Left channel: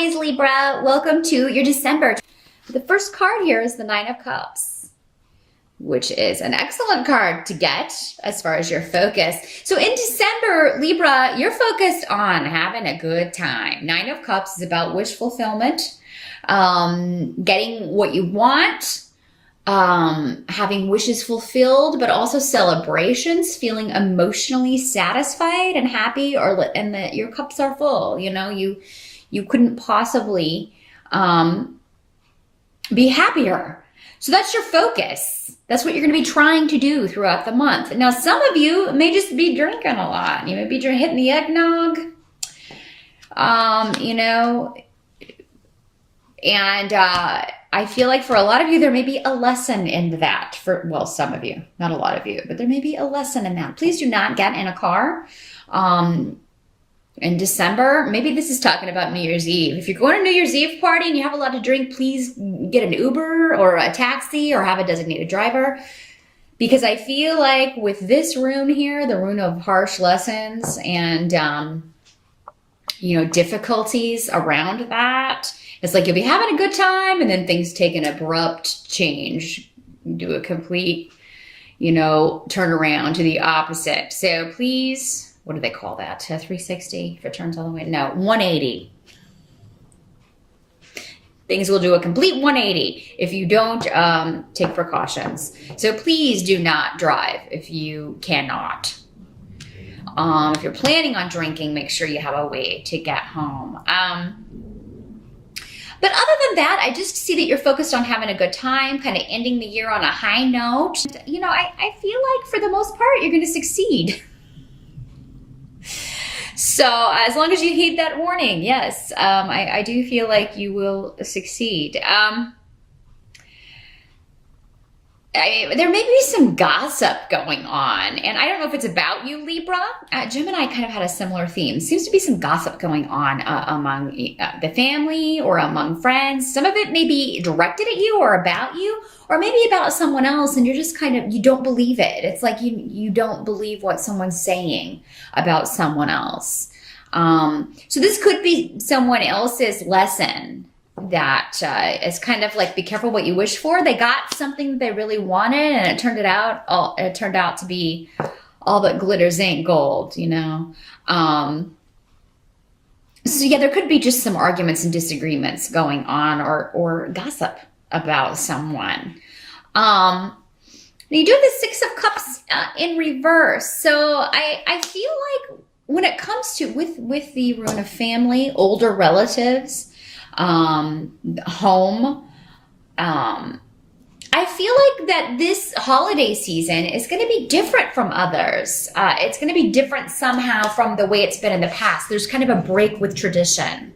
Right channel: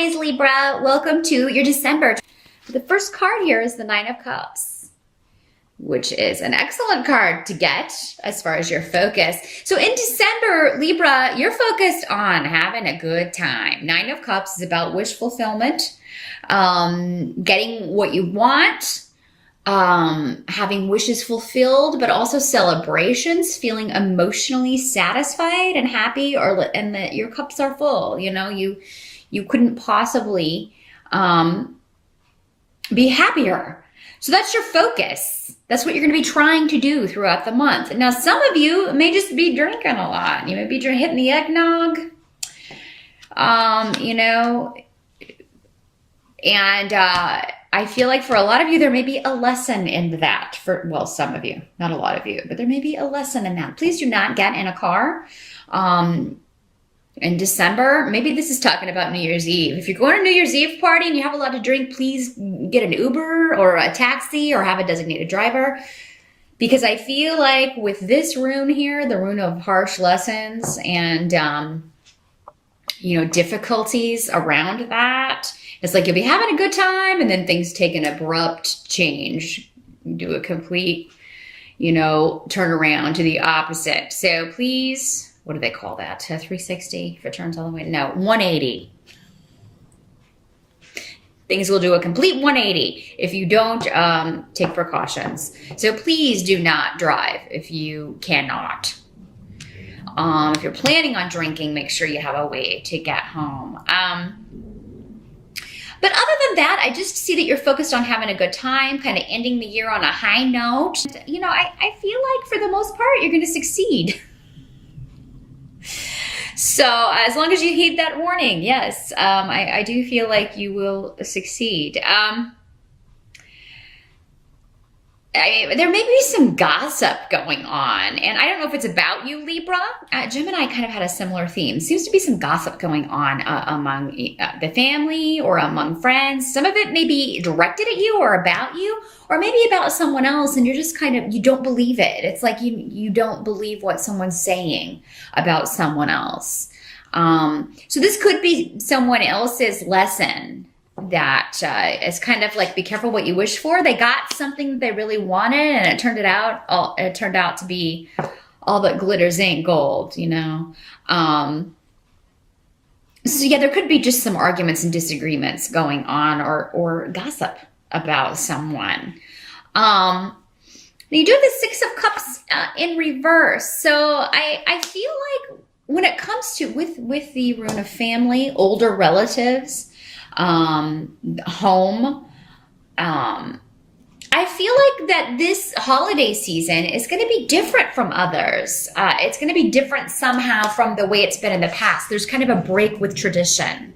Always, Libra, welcome to your December. The first card here is the Nine of Cups, which is an excellent card to get as far as your focus. So in December, Libra, you're focused on having a good time. Nine of Cups is about wish fulfillment, getting what you want, having wishes fulfilled, but also celebrations, feeling emotionally satisfied and happy, and that your cups are full. You know, you couldn't possibly be happier. So that's your focus. That's what you're going to be trying to do throughout the month. Now, some of you may just be drinking a lot. You may be hitting the eggnog, and I feel like for a lot of you, there may be a lesson in that. Well, some of you, not a lot of you, but there may be a lesson in that. Please do not get in a car in December. Maybe this is talking about New Year's Eve. If you're going to New Year's Eve party and you have a lot to drink, please get an Uber or a taxi or have a designated driver. Because I feel like with this rune here, the rune of harsh lessons and, difficulties around that, it's like you'll be having a good time and then things take an abrupt change, do a complete, turn around to the opposite. So please, what do they call that? A 360 if it turns all the way? No, 180. Things will do a complete 180 if you don't take precautions. So please do not drive if you cannot. If you're planning on drinking, make sure you have a way to get home. But other than that, I just see that you're focused on having a good time, kind of ending the year on a high note. I feel like for the most part, you're going to succeed. So as long as you heed that warning, yes, I do feel like you will succeed. There may be some gossip going on, and I don't know if it's about you, Libra. Gemini kind of had a similar theme. Seems to be some gossip going on among the family or among friends. Some of it may be directed at you or about you, or maybe about someone else, and you're just you don't believe it. It's like you don't believe what someone's saying about someone else. So this could be someone else's lesson that is kind of like, be careful what you wish for. They got something they really wanted, and it turned out to be all that glitters ain't gold, So yeah, there could be just some arguments and disagreements going on, or gossip about someone. Now you do have the Six of Cups in reverse. So I feel like when it comes to with the rune of family, older relatives, home, I feel like that this holiday season is going to be different from others. It's going to be different somehow from the way it's been in the past. There's kind of a break with tradition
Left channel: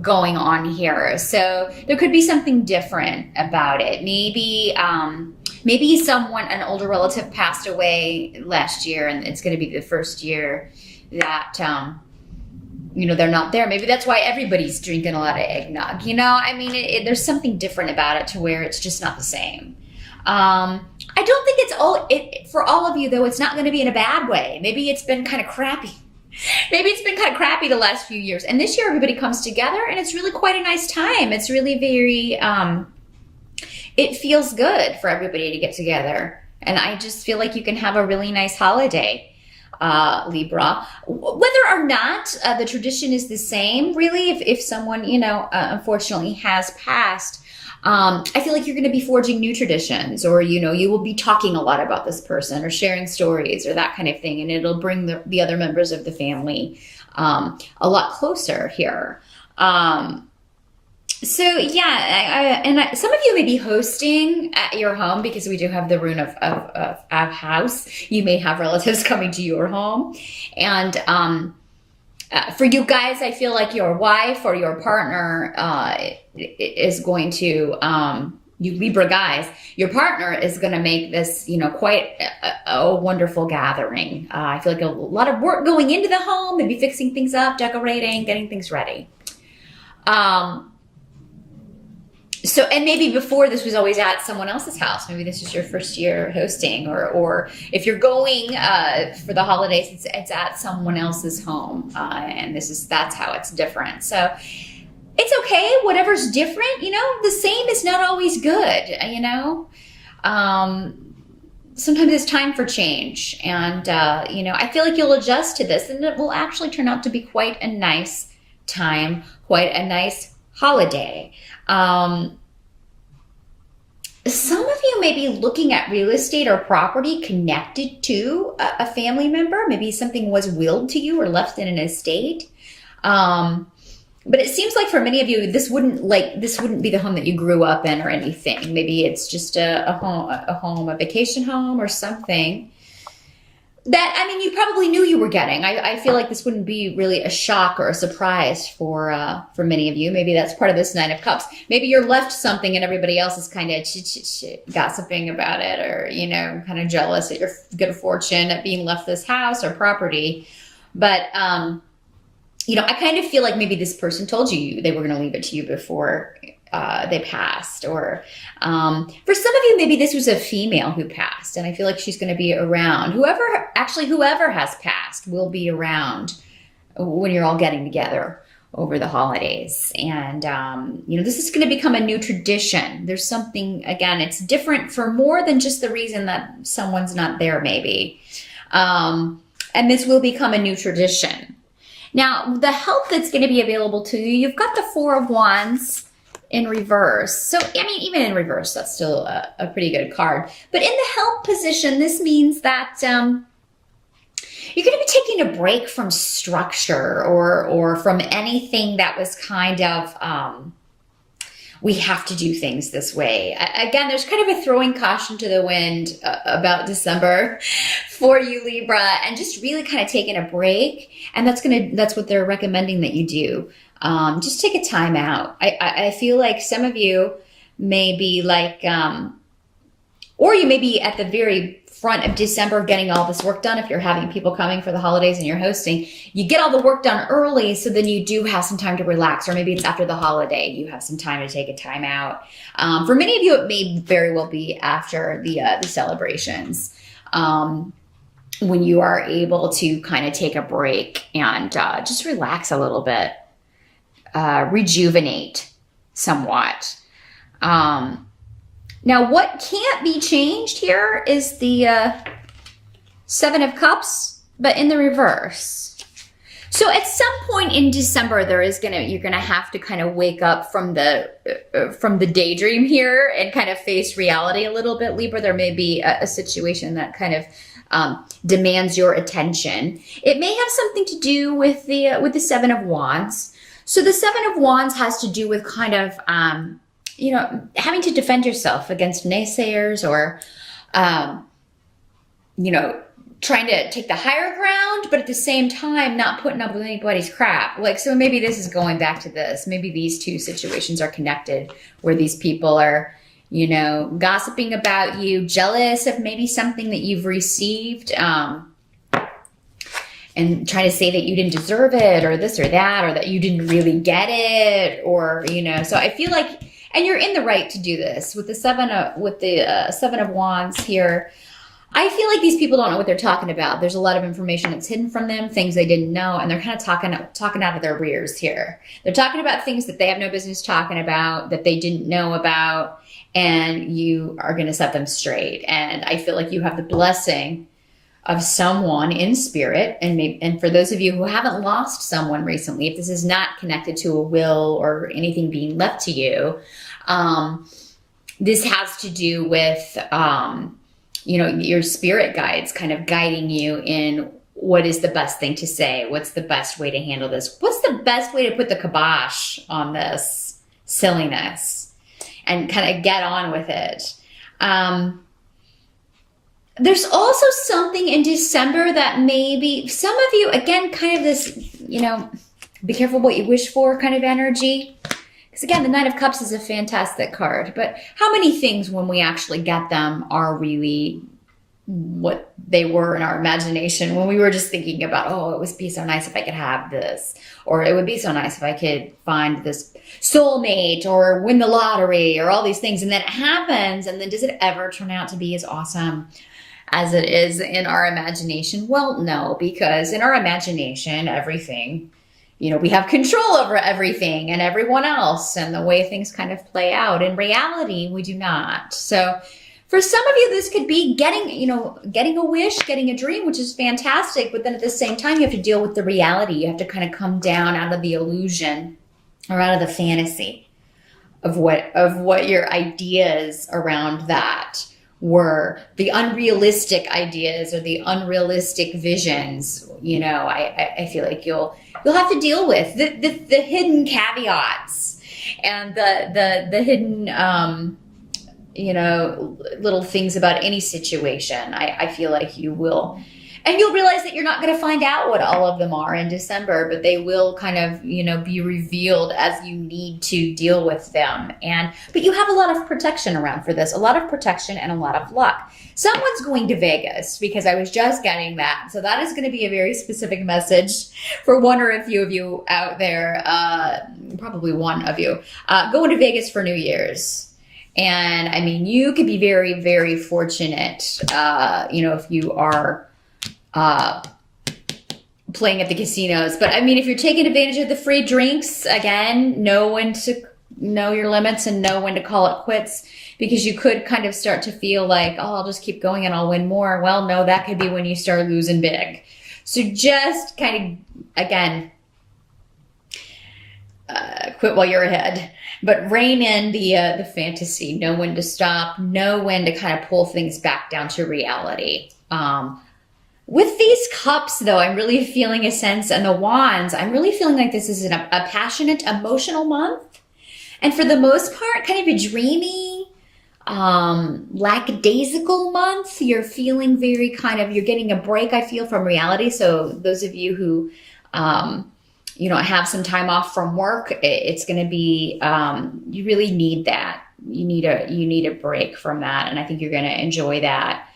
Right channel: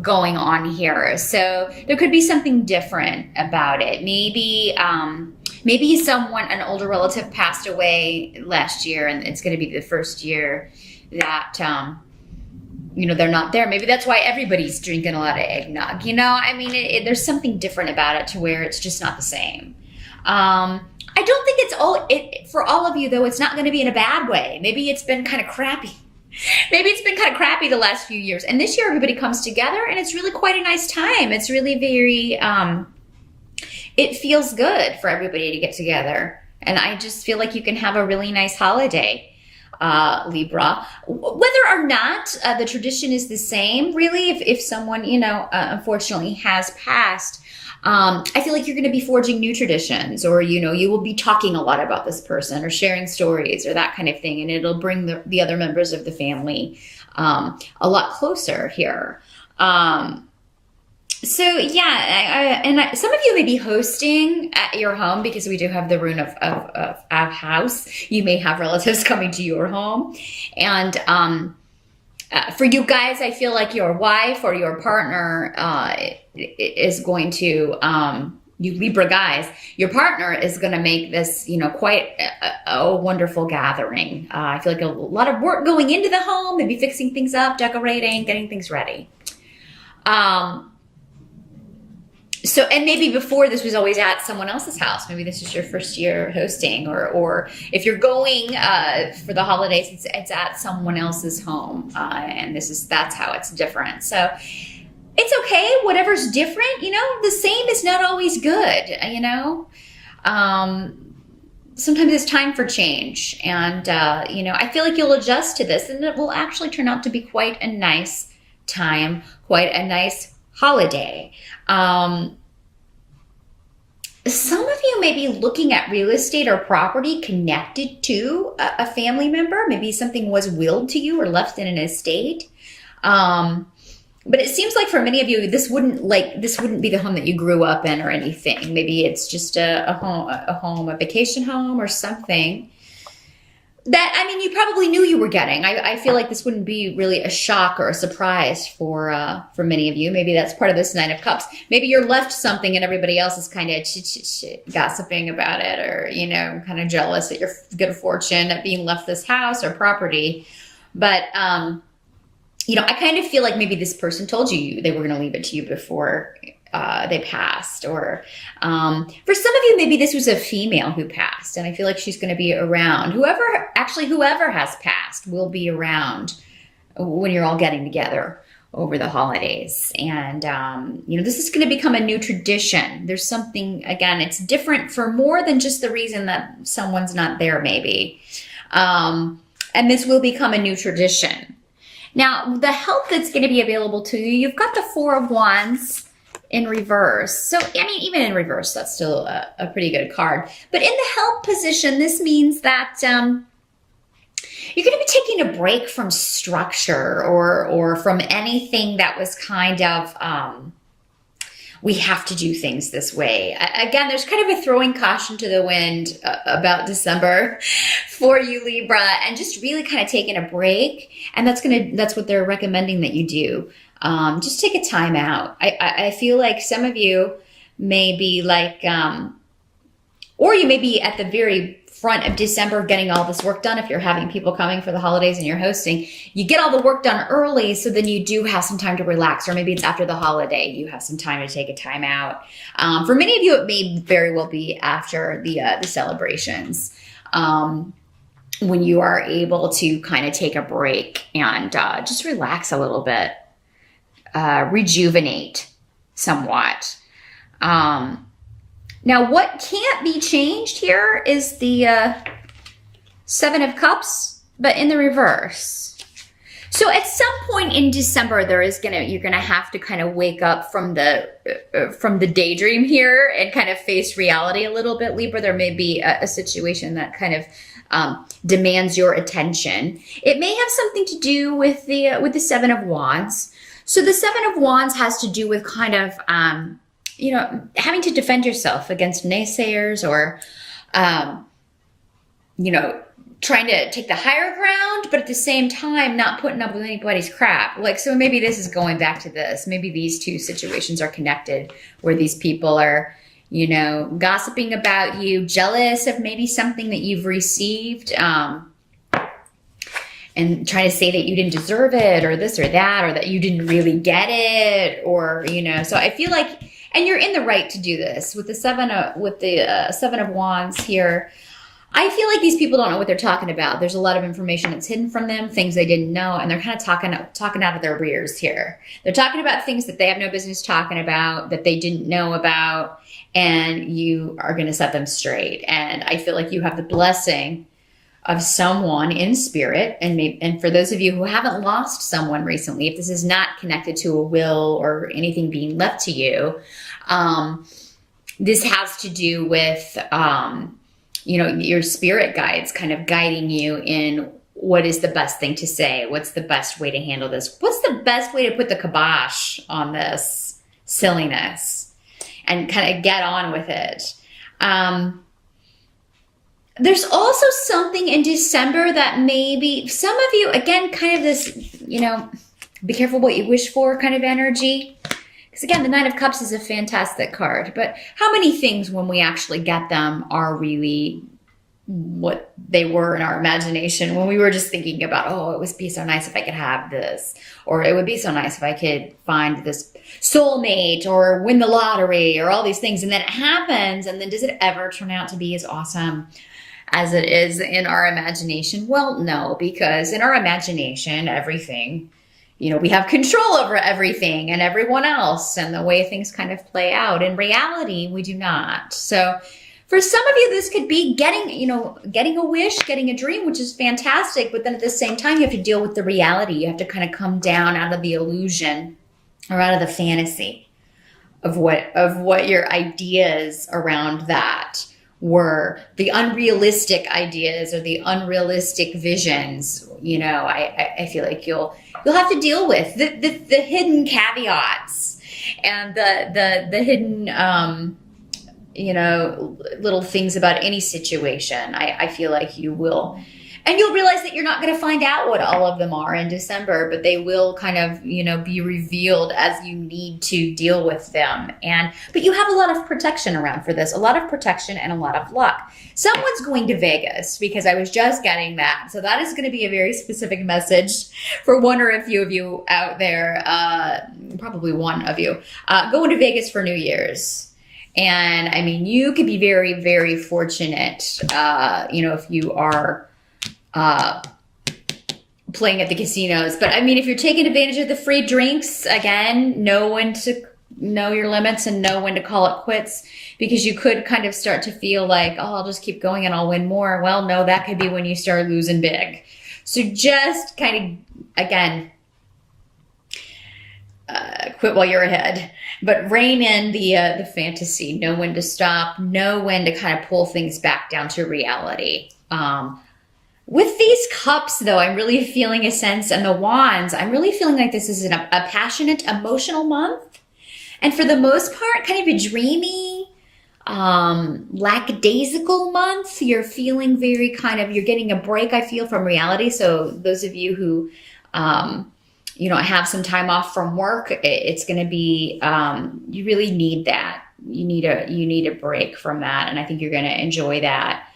going on here. So there could be something different about it. Maybe an older relative passed away last year, and it's going to be the first year that, they're not there. Maybe that's why everybody's drinking a lot of eggnog. There's something different about it to where it's just not the same. I don't think for all of you, though, it's not going to be in a bad way. Maybe it's been kind of crappy. The last few years. And this year, everybody comes together, and it's really quite a nice time. It's really very, it feels good for everybody to get together. And I just feel like you can have a really nice holiday. Libra, whether or not the tradition is the same, really, if someone, unfortunately has passed, I feel like you're going to be forging new traditions, or, you will be talking a lot about this person or sharing stories or that kind of thing. And it'll bring the other members of the family a lot closer here. So yeah, some of you may be hosting at your home, because we do have the rune of house. You may have relatives coming to your home, and for you guys, I feel like your wife or your partner is going to, you Libra guys, your partner is going to make this, quite a wonderful gathering. I feel like a lot of work going into the home, maybe fixing things up, decorating, getting things ready. So, and maybe before this was always at someone else's house. Maybe this is your first year hosting, or if you're going for the holidays, it's at someone else's home, and that's how it's different. So it's okay. Whatever's different, the same is not always good, Sometimes it's time for change. And, I feel like you'll adjust to this and it will actually turn out to be quite a nice time, quite a nice holiday. Some of you may be looking at real estate or property connected to a family member. Maybe something was willed to you or left in an estate. But it seems like for many of you, this wouldn't be the home that you grew up in or anything. Maybe it's just a vacation home or something that, you probably knew you were getting. I feel like this wouldn't be really a shock or a surprise for many of you. Maybe that's part of this Nine of Cups. Maybe you're left something and everybody else is kind of gossiping about it, or, kind of jealous at your good fortune at being left this house or property. But, I kind of feel like maybe this person told you they were going to leave it to you before they passed. Or for some of you, maybe this was a female who passed, and I feel like she's going to be around. Whoever has passed will be around when you're all getting together over the holidays. And, this is going to become a new tradition. There's something, again, it's different for more than just the reason that someone's not there, maybe. And this will become a new tradition. Now, the help that's going to be available to you, you've got the Four of Wands in reverse. So, even in reverse, that's still a pretty good card. But in the help position, this means that you're going to be taking a break from structure or from anything that was kind of, we have to do things this way. Again, there's kind of a throwing caution to the wind about December for you, Libra, and just really kind of taking a break. And that's what they're recommending that you do. Just take a time out. I feel like some of you may be like, or you may be at the very front of December getting all this work done. If you're having people coming for the holidays and you're hosting, you get all the work done early, so then you do have some time to relax. Or maybe it's after the holiday, you have some time to take a time out. For many of you, it may very well be after the celebrations, when you are able to kind of take a break and just relax a little bit, rejuvenate somewhat. Now, what can't be changed here is the Seven of Cups, but in the reverse. So at some point in December, you're gonna have to kind of wake up from the daydream here and kind of face reality a little bit, Libra. There may be a situation that kind of demands your attention. It may have something to do with the Seven of Wands. So the Seven of Wands has to do with kind of having to defend yourself against naysayers, or, trying to take the higher ground, but at the same time, not putting up with anybody's crap. So maybe this is going back to this. Maybe these two situations are connected, where these people are, gossiping about you, jealous of maybe something that you've received, and trying to say that you didn't deserve it, or this or that, or that you didn't really get it, or, so I feel like, and you're in the right to do this with the Seven of Wands here. I feel like these people don't know what they're talking about. There's a lot of information that's hidden from them, things they didn't know, and they're kind of talking out of their rears here. They're talking about things that they have no business talking about, that they didn't know about, and you are going to set them straight. And I feel like you have the blessing of someone in spirit. And for those of you who haven't lost someone recently, if this is not connected to a will or anything being left to you, this has to do with, your spirit guides kind of guiding you in what is the best thing to say. What's the best way to handle this? What's the best way to put the kibosh on this silliness and kind of get on with it? There's also something in December that maybe some of you, again, kind of this, be careful what you wish for kind of energy. Because again, the Nine of Cups is a fantastic card, but how many things when we actually get them are really what they were in our imagination when we were just thinking about, oh, it would be so nice if I could have this, or it would be so nice if I could find this soulmate or win the lottery or all these things. And then it happens. And then does it ever turn out to be as awesome as it is in our imagination? Well, no, because in our imagination, everything we have control over everything and everyone else and the way things kind of play out. In reality, we do not. So for some of you, this could be getting a wish, getting a dream, which is fantastic. But then at the same time, you have to deal with the reality. You have to kind of come down out of the illusion or out of the fantasy of what your ideas around that were, the unrealistic ideas or the unrealistic visions. I feel like you'll have to deal with the hidden caveats and the hidden little things about any situation. I feel like you will. And you'll realize that you're not going to find out what all of them are in December, but they will kind of, be revealed as you need to deal with them. But you have a lot of protection around for this, a lot of protection and a lot of luck. Someone's going to Vegas, because I was just getting that. So that is going to be a very specific message for one or a few of you out there, probably one of you, going to Vegas for New Year's. And I mean, you could be very, very fortunate, if you are playing at the casinos. But I mean, if you're taking advantage of the free drinks, again, know when to know your limits and know when to call it quits, because you could kind of start to feel like, oh, I'll just keep going and I'll win more. Well, no, that could be when you start losing big. So just kind of, again, quit while you're ahead, but rein in the fantasy. Know when to stop. Know when to kind of pull things back down to reality. With these cups, though, I'm really feeling a sense, and the wands, I'm really feeling like this is a passionate, emotional month. And for the most part, kind of a dreamy, lackadaisical month. You're feeling very you're getting a break, I feel, from reality. So those of you who, have some time off from work, it's going to be, you really need that. You need a break from that. And I think you're going to enjoy that.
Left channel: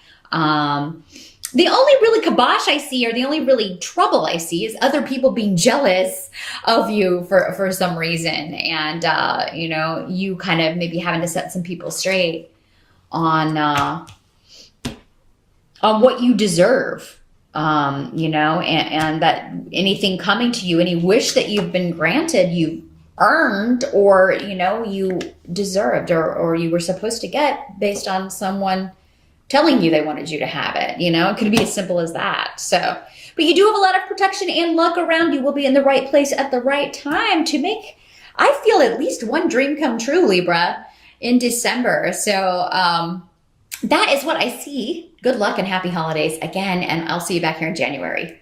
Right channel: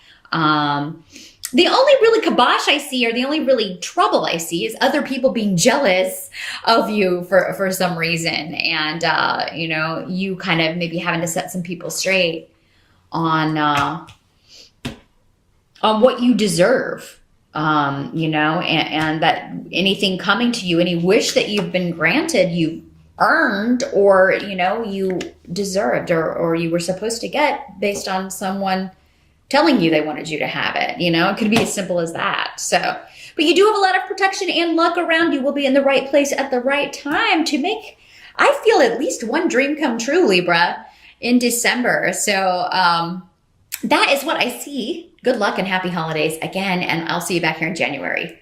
The only really kibosh I see, or the only really trouble I see, is other people being jealous of you for some reason. And, you kind of maybe having to set some people straight on what you deserve, and that anything coming to you, any wish that you've been granted, you earned, or, you deserved, or you were supposed to get based on someone telling you they wanted you to have it. It could be as simple as that. So, but you do have a lot of protection and luck around you. Will be in the right place at the right time to make, I feel, at least one dream come true, Libra, in December. So that is what I see. Good luck and happy holidays again, and I'll see you back here in January.